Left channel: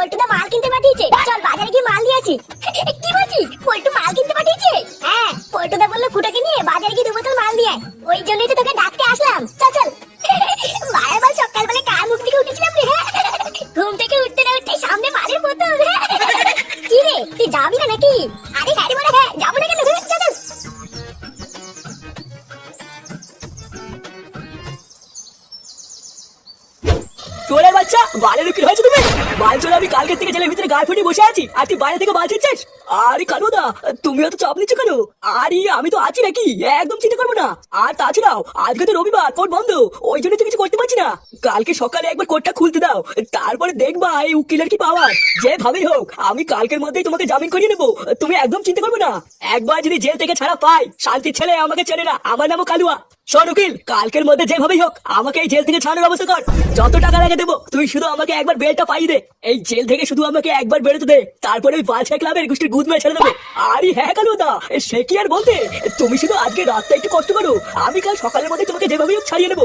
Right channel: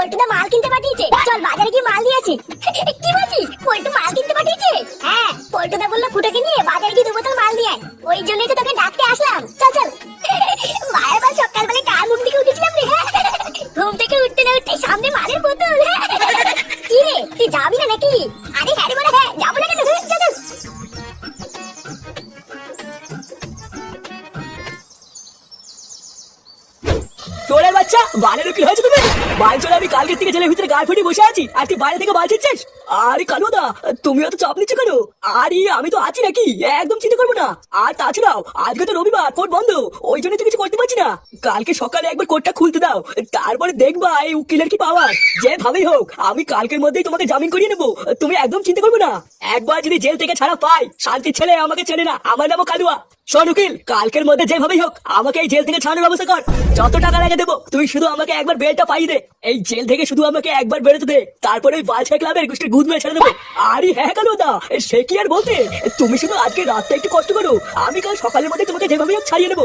পল্টুদা মাল কিনতে পাঠিয়েছে। চল বাজারে গিয়ে মাল নিয়ে আসি। কি বলছিস? পল্টু মাল কিনতে পাঠিয়েছে? হ্যাঁ। পল্টুদা বলল ফুটে নিয়ে চোরের বাচ্চা, বালের হয়েছে তুমি চলে আমি কালকে থেকে জেলের ভিতরে গায়ে ফুটে বসে আছি। আর তুই বাইরে থেকে বাল ছিটছিস? আরে তুমি অত চাপ নিচ্ছ কেন? আরে, আমি তো আছি নাকি? একদম চিন্তা করব না। আর তাছাড়াও, আজকে তো রবিবার কোর্ট বন্ধ। ওই জন্য তো কিছু করতে পারছি না। কালকে সকালে একবার কোর্টটা খুলতে দাও। তারপরে দেখবা এই উকিলের কি পাওয়ার যেভাবেই হোক, আমি কালকের মধ্যেই তোমাকে জামিন করিয়ে নেব। তুমি একদম চিন্তা করবে না। একবার যদি জেল থেকে ছাড়া পাই, শান্তির ছেলে আমাকে চেনে না। আমার নামও কালুয়া। শোন উকিল, কালকের মধ্যে যেভাবেই হোক, আমাকে এই জেল থেকে ছাড়ানোর ব্যবস্থা কর। যত টাকা লাগে দেবো, তুই শুধু আমাকে একবার বেলটা পাই দে। এই জেল থেকে শুধু আমাকে একবার বেরোতে দে। তারপরে ওই পাঁচ এক লাভে গোষ্ঠীর গুদ মেরে ছেড়ে দেবো। আরে হ্যাঁ কেন দা সে কি আর বলতে? তুমি শুধু আজকে রাতটা একটু কষ্ট করো। আমি কাল সকালের মধ্যে তোমাকে যেভাবেই হোক ছাড়িয়ে নেব।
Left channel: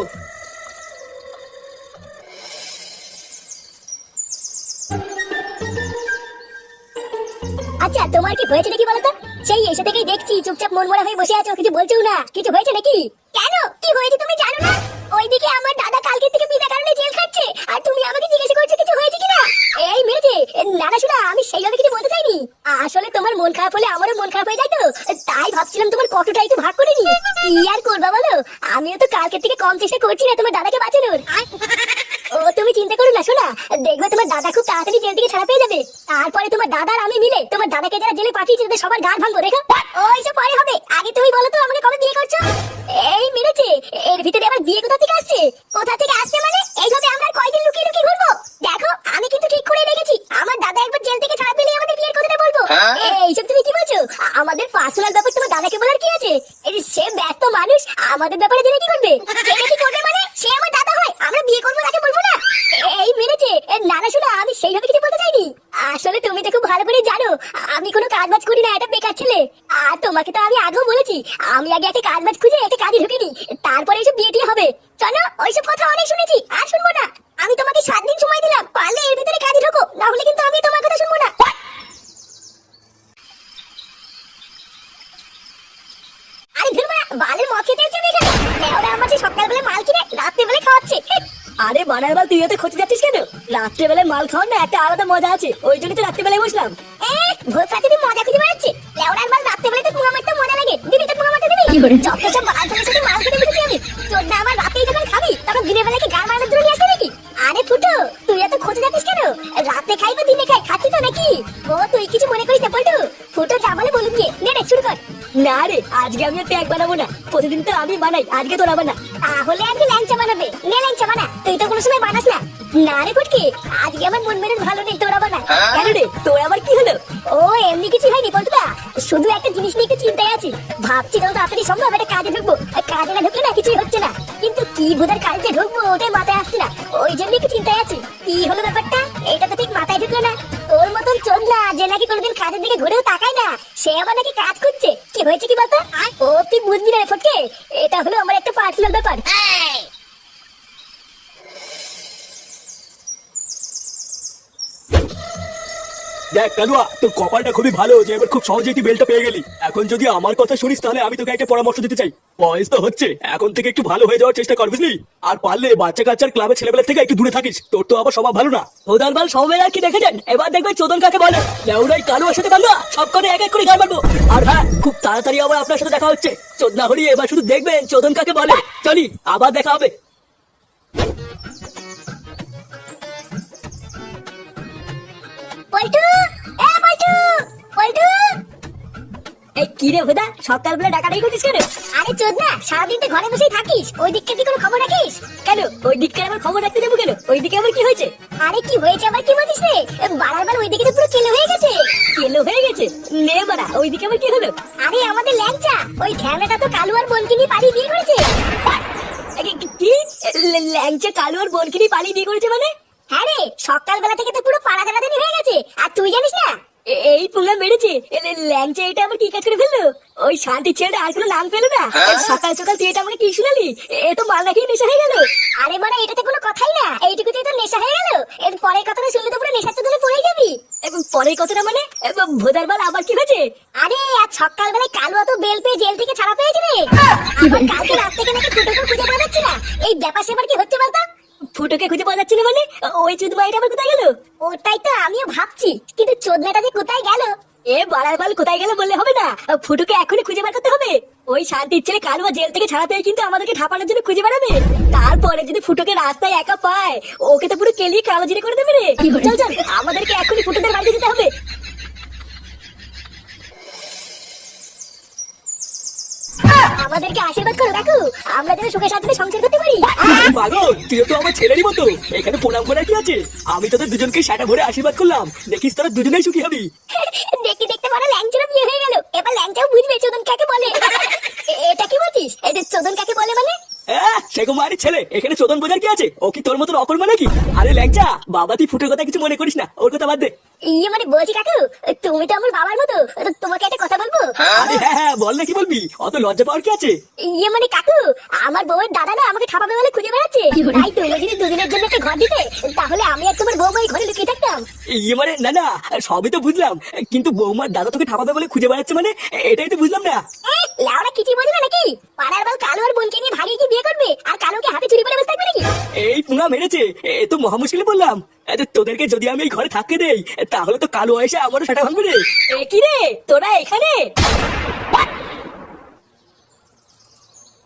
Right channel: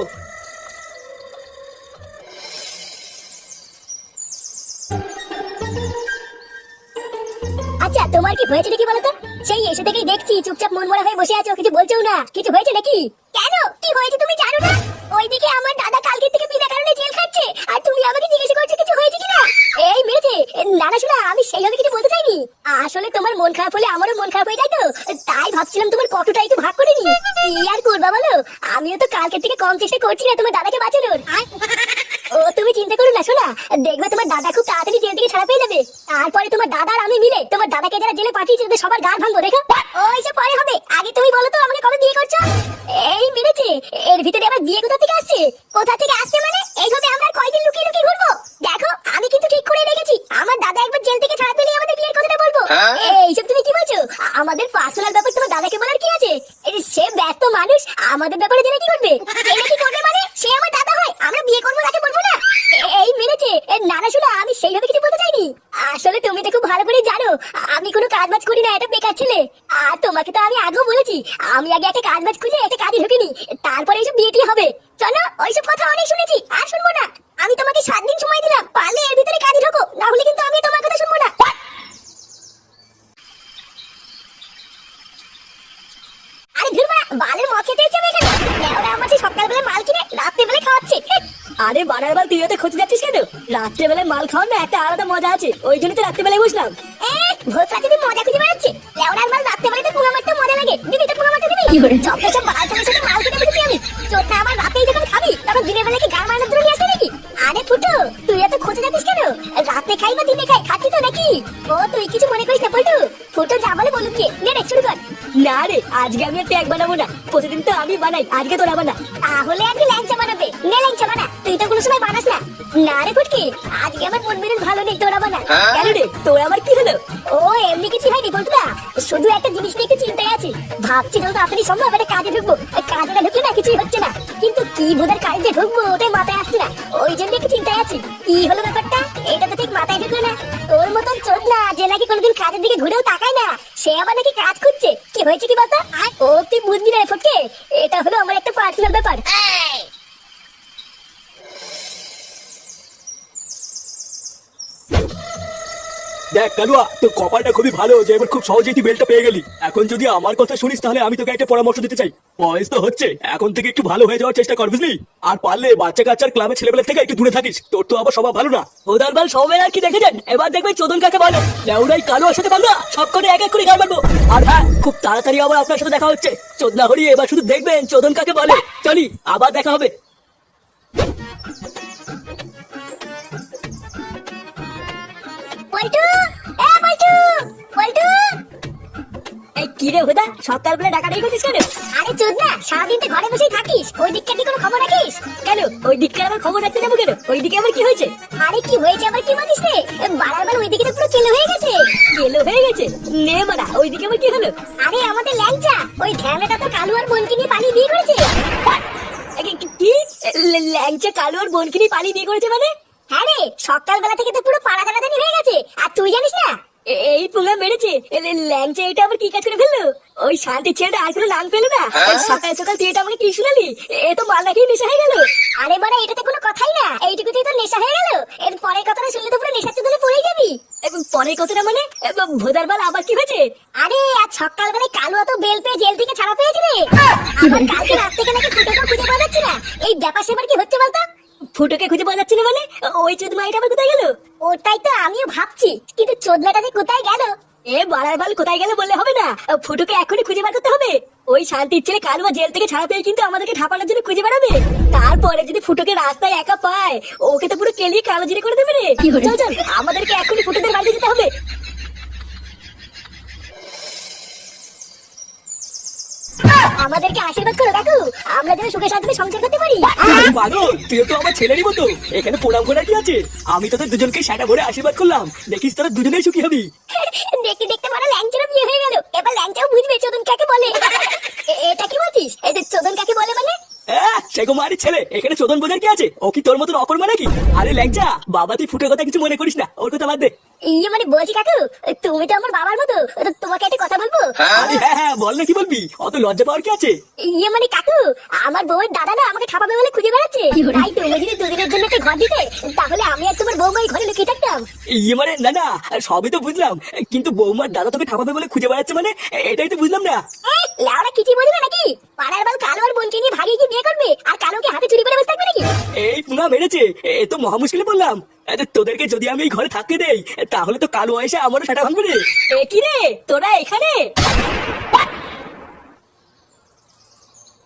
আচ্ছা তোমার কি হয়েছে নাকি বলতো সেই এসে থেকেই দেখছি, চুপচাপ মন মরা হয়ে বসে আছো, কিছু বলছো না। কিছু হয়েছে নাকি? কেন? কি হয়েছে তুমি জানো না? ওইদিকে আমার দাদা কালকে থেকে বিনা কারণে জেল খাচ্ছে, আর তুমি আমাকে জিজ্ঞাসা করছ কিছু হয়েছে কিনা? এই মেরেছে না না শোনা, আমি সেইভাবে কিছু বলতে চাইনি। আসলে তোমার মন খারাপ হলে আমারও মন খারাপ হয়ে যায় তো, তাই ভাবছিলাম তোমার কতটা একটু ভাগ করে নি কি আর করবা বলো? আমিও তো কালকে থেকে কম চেষ্টা করছি না তোমার দাদাকে বাঁচানোর। ও, তুমি চিন্তা করো না, শোনা, দেখবে তোমার দাদা খুব তাড়াতাড়ি জেল থেকে ছাড়া পেয়ে যাবে। তারপরে তোমার দাদা আর আমি মিলে যারা জেলে পাঠিয়েছে তাদের সবার গাড় ভাঙবো দেখো না না, শোনো, আমি সেইভাবে কিছু বলতে চাইনি। আসলে তুমি তো খুব ভালো করে জানো। আমি কোনো কাজ বাজ করি না, এটা বেকার ছেলে। আর তোমাকে তো আমি আগেও বলেছি, আমি আগে একটা কাজ বাজ খুঁজে একটা কাজে ঢুকিনি। তারপরে এইসব বিয়ে হবে। চলো, ওইসব কথা অনেক শুনেছি, আর শুনব না। আমি তোমাকে সাত দিন সময় দিলাম, পারলে এর ভিতরে কাজে ঢোকো না হলে কিন্তু আমি তোমার কথা শুনব না আরে ধুরবা বালের মদ খেতে এসেছে আমি এখানে লেওরা আমার সেই সকালবেলা মাল কিনে রাত্রিবেলা খাওয়াচ্ছে আরে বানার বাল তুই এত খুঁজে যাচ্ছিস কেন? রাত্রেবেলায় মাল খাওয়ার না একটা আলাদা মজা আছে ওই জন্য তো রাত্রেবেলায় বসলাম। ভোর রাতে মজা খুঁজে বেড়াচ্ছে লেওরার বাল রাত্রিবেলা তো পুরো মারতে মজা লাগে। দিবি তো পুরো মারতে দিবি যত সব বাল ছেলের সাথে মাল কিনে বেরিয়েছি আমি। তোর না আমার রাতেই যখন খাবি তখন দিনের বেলা কি গান মারানোর জন্য আসবে নাকি? আরে ফুটো তুই এত খোঁজ যাচ্ছিস কেন? রাতে খাই বা দিনে খাই খাচ্ছি তো নাকি? ও তুই কিছু মনে করিস না ফুটো। ফুটো যা বলে বলুক গে। নে রে শুরু কর। না রে আজকে আমি একটা এক বানাবো না প্রতিদিন তো আমি বানাই আজকে তোরা বানা। তাহলে আজকে ল্যাংচা বানাবে নে ল্যাংচা বানা তুই তো কোনো সময় বানাস না। না রে ফুটকে আজকে আমার মন মেজাজ ভালো নেই তোরা বানা। কেন রে তোর আবার কি হলো? ও এমনি কিছু হয়নি শুধু একটা জিনিস নিয়ে একটু চিন্তায় আছি। ভাবছি তাড়াতাড়ি সম্ভব একটা কাজে ঢুকবো কাজে না ঢুকলে না কিছুই হচ্ছে না। কিন্তু কি বুধার কাজে ঢুকবো ওটাই মাথায় আসছে না। ওই জন্য একটু চিন্তায় আছি কি হলো ব্যাপারটা? এটা তো ঠিক মাথায় ঢুকলো না। তোর মতন চোখ না যে নাকি কোনোদিন কাজের দিকে ঘুরেও তাকায় না সে আবার নাকি কাজ করছে কি হয়েছে কি বলতো? অতি বুদ্ধি রে ফটকে এটা হলো আমার একটা পার্সোনাল ব্যাপার দেখ কালুয়া তোর কপালটা খুবই ভালো যে এবার খুব সহজেই তুই বেলটা পেয়ে গেলি। এখন যদি আমার কথা শুনিস, তাহলে আমি তোকে একটা পরামর্শ দিতে চাই। বয়স তো হচ্ছে, এখন থেকে একটু ভালো হয়ে যাওয়ার চেষ্টা কর, বুঝলি? আর পারলে বাচ্চা কাচ্চার ক্লাবের ছেলেবেলা থেকে একটু দূরে থাকিস, তোর তো আবার স্বভাব ভালো না। ওদার বাল, সৌমেন আর কি দেখেছেন? এবার দেখবেন চোদন কাকে বলে। লেউরাই কালো সাথে কালো সব করে এক এক করে গান মারবো। আর হ্যাঁ খুব তাড়াতাড়ি আবার আপনার সাথে দেখা হচ্ছে। চোদনা হরি এবার শুধু দেখবেন চোদন কাকে বলে। চলি, আবার দেখা হবে। কি রে হুদা? সকালবেলা ডাকাডাকি করছিস কেন? আরে চোদ না সারাদিন তো ঘরে বসেই থাকিস। ওই দিককার কি কোনো খবর রাখিস? কেন? ওই দিককে আমার খবর রাখতে যাব কেন? ওই দিকে আবার কি হয়েছে? আরে কি হয়েছে আবার কি বলিস রে? বারবার ওই দিকে তো পুরো কেলো হয়ে গেছে। গেলো হয়ে গেছে? নে বাড়া ওই দিকে আবার কি হলো? আরে আমাদের ল্যাংচা ওই ঢ্যামেটা তো কালু আর বোনকে নিয়ে পালিয়ে বিয়ে করেছে। কি- ল্যাংচা কালো আর বোনকে নিয়ে পালিয়ে বিয়ে করেছে মানে? হ্যাঁ রে সকালবেলা থেকে তো পুরো পাড়া দাঁড়াদানি হয়ে গেছে। আর তুই জানিস না এই পুঙ্গা মেরেছে এ, ল- ল্যাংচা এটা আবার কি কাজ করে ফেলল? ওই শান্তি ছেলেটা আর কোনো নাম পেল না। সকাল সকাল তুই এটা আমাকে কি শুনালি? এ তো মাল নাকি নেশা হয়ে গেল। আরে বড় এটাতে কোনো কথাই না। এইটুকুতেই তো নেশা হয়ে গেল। এর পরের কথাটা শুনলে তো পুরো নেশার চোদনে পড়ে যাবি। পরের কথাটা মানে? ভোদার বাল আবার কি হয়েছে? আরে আজ সকালবেলায় কালো অত বেল পেয়ে জেল থেকে ছাড়া পেয়েছে রে। কালকে রাত থেকে নাকি খুঁজে পাওয়া যাচ্ছে না। এই ব্যাপার সেবার কি ফুটোকে খুঁজে পাওয়া যাচ্ছে না মানে? ওই চোদ মাইটা আবার কোথায় গেল? ওটাই তো আমিও ভাবছি কিন্তু চোদনাটা যে কোথায় গেল? এ বাড়ার বাল কোথায় গেলে বললে হবে না। ফুটোকে এখনই খুঁজে বার করতে হবে। ওই শান্তির ছেলে কালুয়া জেল থেকে ছাড়া পেয়ে কিন্তু আমাদেরকে ঠাপানোর জন্য খুঁজে বেড়াবে। তারপরে যদি ফুটোকে রাস্তায় একা পায় ওকে তো পুরো কেলিয়ে কালো জিরে করে দেবে রে। চল চল আমাদেরকে এখনই ফুটোদের বাড়িতে যেতে হবে। আমাদেরকে আশীর্বাদ করো কাকু। আমরা যেন সুখে শান্তিতে সংসার করতে পারি। পাগল তুই তো আমার ছেলেরই মতো এখানে প্রণাম করার কি আছে? আমি তোদের দুজনকে সাটা ভরে আশীর্বাদ করলাম। দেখিস তোরা দুজনেই সুখী হবি। দেখতে দেখতে বড় ল্যাংচুরা বিয়ে হয়ে গেল। এবার ল্যাংচাও বুঝবে চোদন কাকে বলে। এটা কি বলছিস? এটা চোদন কাকে বলে মানে? হ্যাঁ ছেলে। এখানে চোদন বোঝার কি আছে? ও কি তোর মতন অকর্মা নাকি? আরে ল্যাংচা বাবা তুই ফুটের কথা কিছু মনে করিস না। ওর কথা বাদ দে। ইয়ে মানে বলছি কাকু তুমি তো আমার বাবার মতো তোমাকে একটা কথা বলব? আরে হ্যাঁ হ্যাঁ বল না কি বলবি? অত লজ্জা পাওয়ার কি আছে? ইয়ে মানে কাকু আমার বউয়ের দাদা না আমাকে ঠাপাবে বলে খুঁজে বেড়াচ্ছে। তাই তুমি যদি দুদিনের জন্য একটা ঘর দিতে তাহলে আমি আর তোমার বউ ভাই ঘরে লুকিয়ে থাকতাম ইয়ে মানে না না সবই তো বুঝলাম। কিন্তু বৌমার দাদা তোকে ঠাপাবে বলে খুঁজে বেড়াচ্ছে মানে এটাই তো বুঝলাম না। লাউরা বুঝবে নাকি? পাড়ার বাল কালো আর বোনকে নিয়ে ভাগিয়ে কি বিয়ে করবে আর কালোকে হাতে চুরি করে বসে থাকবে নাকি? এই পুঙ্গা মেরেছে এ তো মহা মুশকিলে বললাম তোদেরকে যদি আমি এই ঘরে থাকতে দেই তাহলে তো কালো এসে আমারও সেটা ভাঙবে রে। কি রে তোরা এখানে?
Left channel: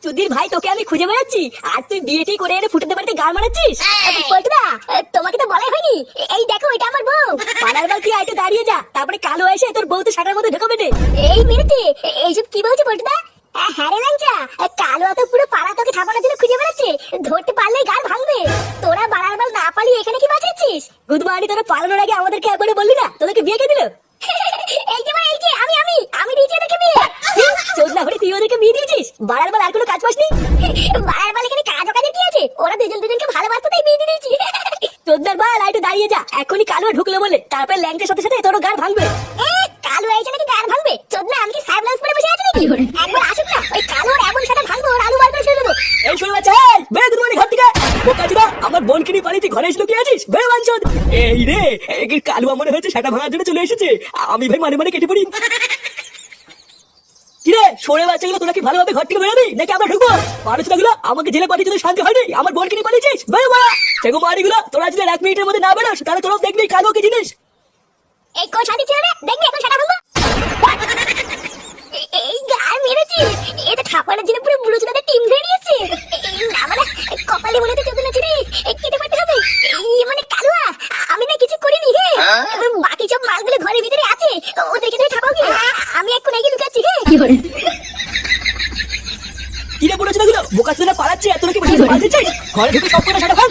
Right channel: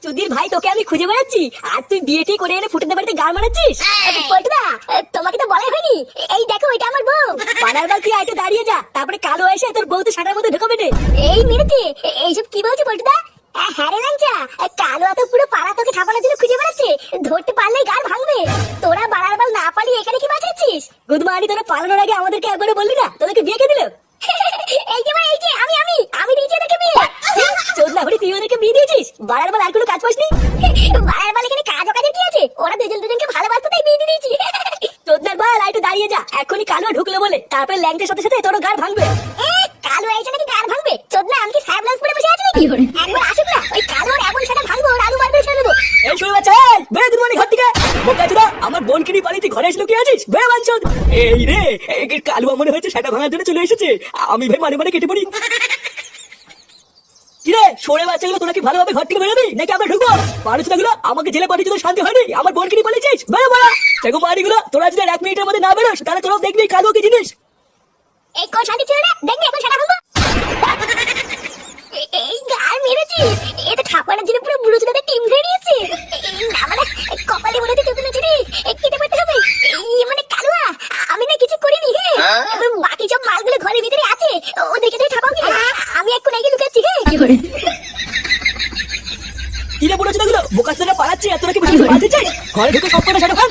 সুধীর ভাই তোকে আমি খুঁজে বেড়াচ্ছি। আর তুই বিয়েটি করে এনে ফুটে বাড়িতে গাল মারাচ্ছিস তোমাকে তো বলাই হয়নি। এই দেখো এটা আমার বউ। পাড়ার বাল তুই আইতে দাঁড়িয়ে যা তারপরে কালো এসে তোর বউ তো সাটার মধ্যে ঢুকাবে এই এ- এইসব কি বলছে পল্টুদা হ্যাঁ রে লাঞ্চা কালো তো পুরো পাড়া তোকে ঠাপানোর জন্য খুঁজে বেড়াচ্ছে। ধরতে পারলেই গাল ভাঙবে। তোরা বাড়ার বাল না পালিয়ে এখানে কি বাঁচাচ্ছিস? গুদমানি তোরা পালানোর আগে আমাদেরকে একবারে বললি না? তোদেরকে বিয়ে কে দিল? একবার আসুক না ওই কালো এমন সাটা ভাঙবো ওর আলু বার করে ছেড়ে দেবো। এই শুনে বাচ্চা এই বেরো দুর্মানি ঘর থেকে। বোকা চোদা আমার বোনকে নিয়ে পালিয়ে তুই ঘরে এসে লুকিয়ে আছিস? বেরো বাঞ্চদ। এই রে এই কি কালো মনে হয়েছে সেটা ভাঙার জন্য চলে এসেছে। আমি ভাই মারে মারে কেটে পড়ি। কিরে সরে বাচ্চাগুলো তোরা কি ভালোভাবে ঘর থেকে বেরোবি? নাকি আমরা ঢুকবো? আমাকে জেলে পাঠিয়ে তোদের শান্তি হয়নি? আমার বোনকে নিয়ে পালিয়েছিস? বেরো বাড়া সেগো বাড়িগুলো তোরা যদি এক মিনিটের মধ্যে না বেরোস তাহলে তোরাও দেখবি কালো কি জিনিস। এই কোন দে দেখবি এখন সাটা ভাঙবো কিরে বুড়ো ছেলেগুলো বোকা চোদা পালাচ্ছে এত নাকি ঘরে ঢুকে সব কটা সেটা ভাঙ